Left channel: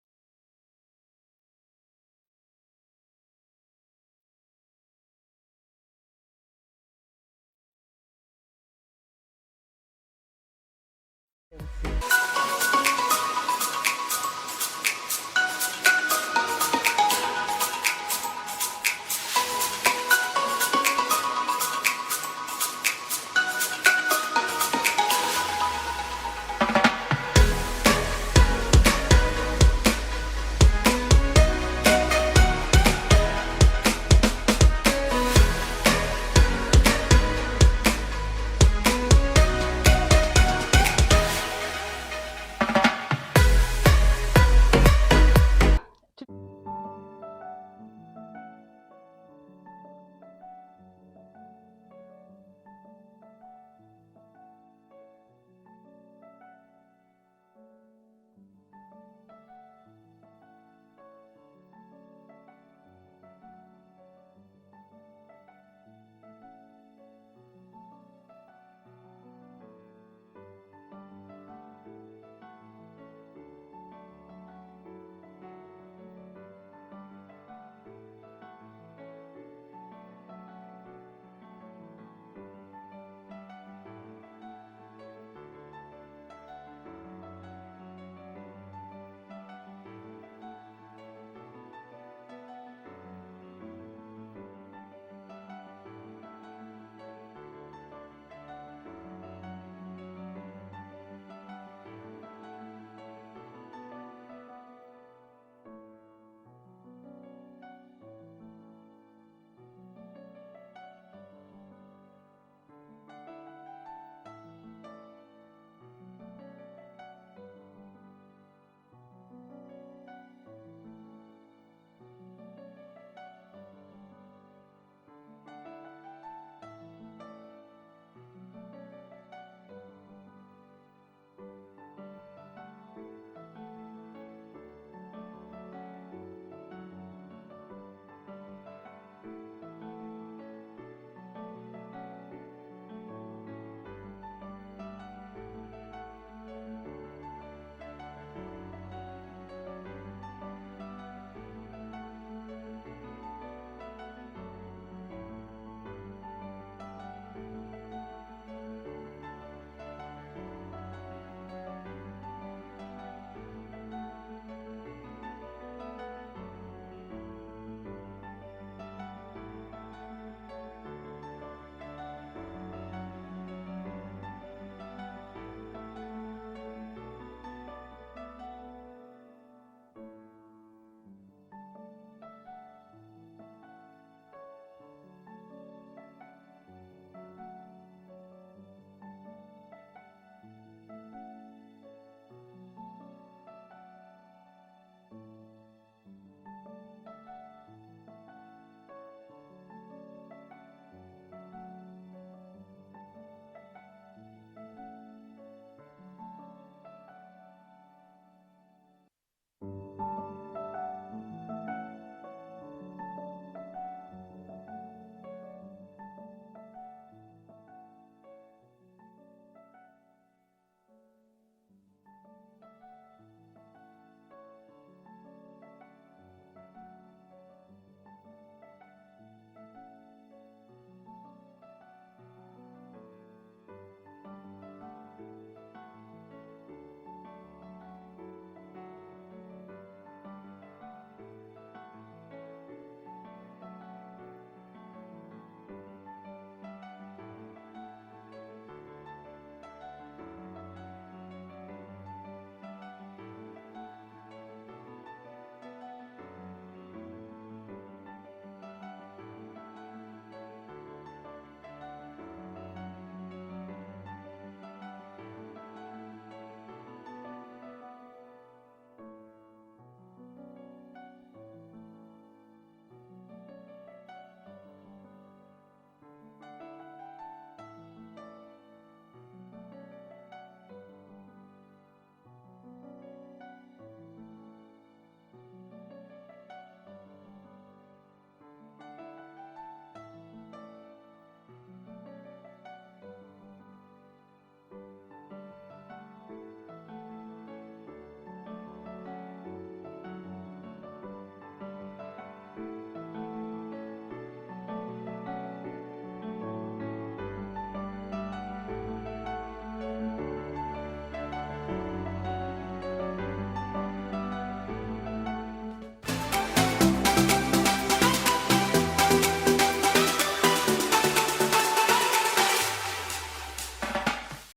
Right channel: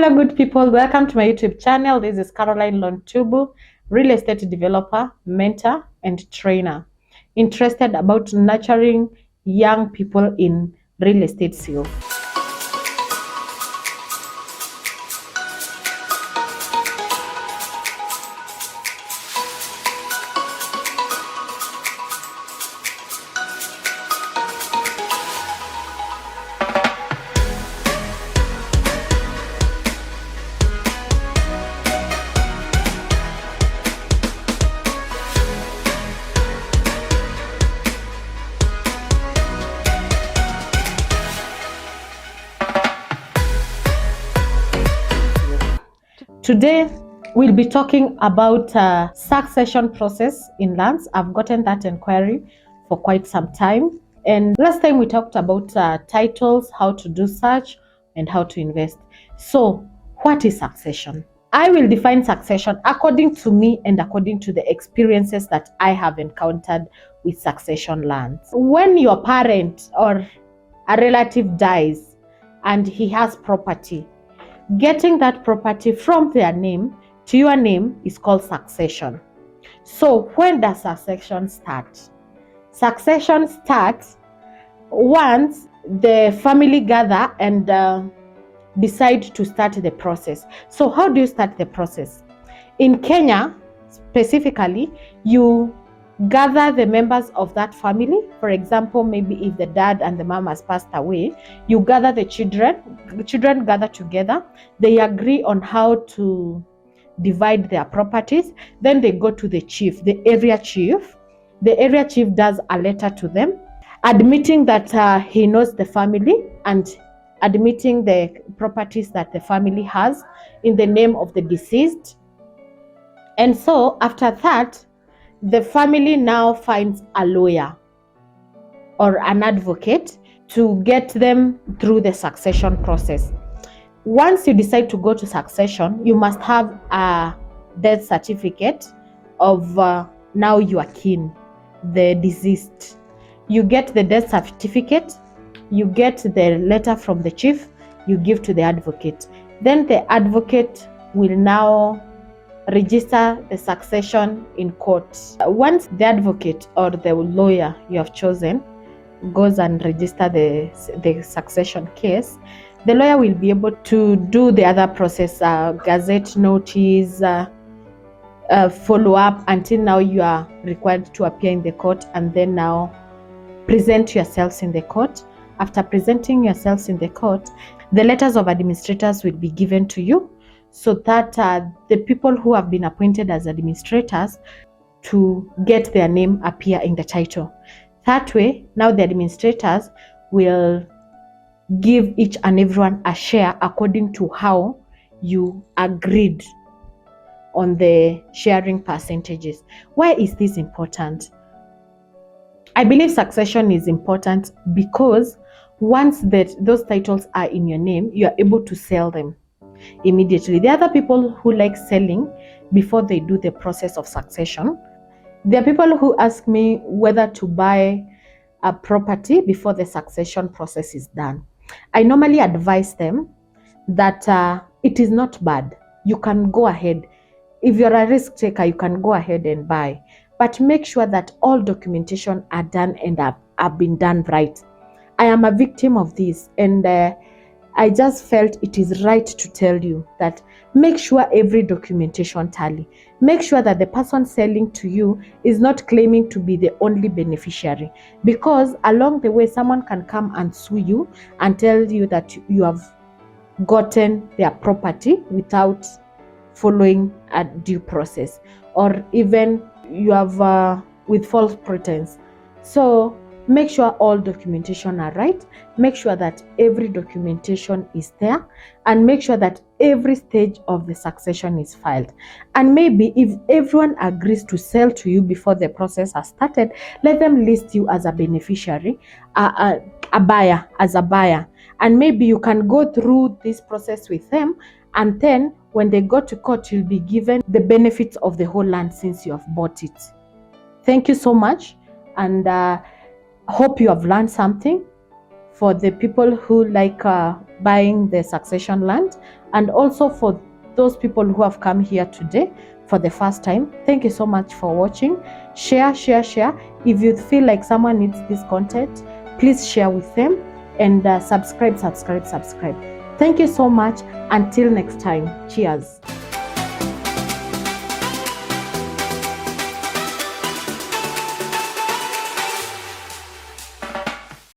Hello, good people. Welcome to my YouTube channel. This is Caroline Lontubu, real estate developer, mentor, and trainer. Interested about nurturing young people in real estate skills. Today, we'll be talking about succession process in lands. I've gotten that inquiry for quite some time. And last time we talked about titles, how to do search, and how to invest. So, what is succession? I will define succession according to me and according to the experiences that I have encountered with succession lands. When your parent or a relative dies and he has property, getting that property from their name to your name is called succession. So when does succession start? Succession starts once the family gather and decide to start the process. So how do you start the process? In Kenya, specifically, you gather the members of that family. For example, maybe if the dad and the mom has passed away, you gather the children gather together, they agree on how to divide their properties, then they go to the chief, the area chief. The area chief does a letter to them admitting that he knows the family and admitting the properties that the family has in the name of the deceased. And so after that, the family now finds a lawyer or an advocate to get them through the succession process. Once you decide to go to succession, you must have a death certificate of now your kin, the deceased. You get the death certificate, you get the letter from the chief, you give to the advocate. Then the advocate will now register the succession in court. Once the advocate or the lawyer you have chosen goes and register the succession case, the lawyer will be able to do the other process, gazette notice, follow up until now you are required to appear in the court and then now present yourselves in the court. After presenting yourselves in the court, the letters of administrators will be given to you so that the people who have been appointed as administrators to get their name appear in the title. That way, now the administrators will give each and everyone a share according to how you agreed on the sharing percentages. Why is this important? I believe succession is important because once those titles are in your name, you are able to sell them immediately. There are other people who like selling before they do the process of succession. There are people who ask me whether to buy a property before the succession process is done. I normally advise them that it is not bad. You can go ahead. If you're a risk taker, you can go ahead and buy. But make sure that all documentation are done and have been done right. I am a victim of this, and I just felt it is right to tell you that make sure every documentation tally. Make sure that the person selling to you is not claiming to be the only beneficiary, because along the way someone can come and sue you and tell you that you have gotten their property without following a due process, or even you have with false pretense. So make sure all documentation are right. Make sure that every documentation is there, and make sure that every stage of the succession is filed. And maybe if everyone agrees to sell to you before the process has started, let them list you as a beneficiary, a buyer, as a buyer. And maybe you can go through this process with them, and then when they go to court, you'll be given the benefits of the whole land since you have bought it. Thank you so much, and hope you have learned something. For the people who like buying the succession land. And also for those people who have come here today for the first time, thank you so much for watching. Share. If you feel like someone needs this content, please share with them, and subscribe. Thank you so much. Until next time, cheers.